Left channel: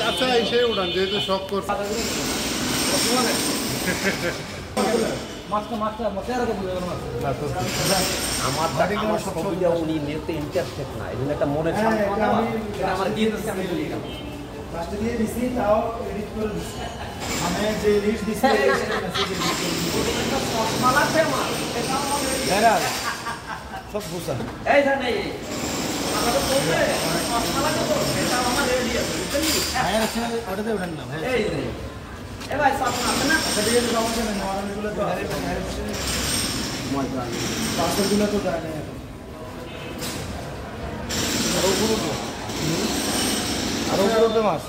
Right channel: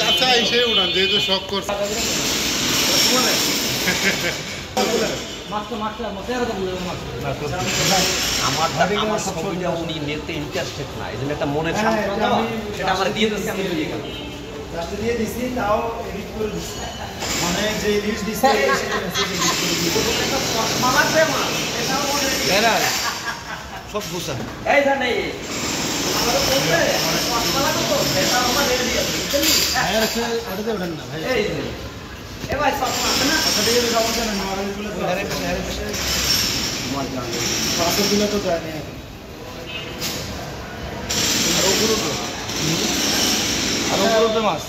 কাঁচা এসে উড়ান যেহেতু শখ করছে আমার ছবিটা উনি নিতে ইন্টারেস্টেড না, এই জন্য একটা মনের সান্ত্বনা সেটা আমার দিয়ে দিচ্ছি, আমি চলে গেলাম। দিয়ে দিছি তাও এডিট করে দিছি, মানে যে লিস্ট দিছে সব বুঝা এই জানে ওটাতে ওঠেন না এই যে এ ভাই সব আছে না ওটাতে সমস্যা নেই, নরমাল তো পাঁচশো দিলে তো দেয় নেই এখন। আরো উপরে মাছ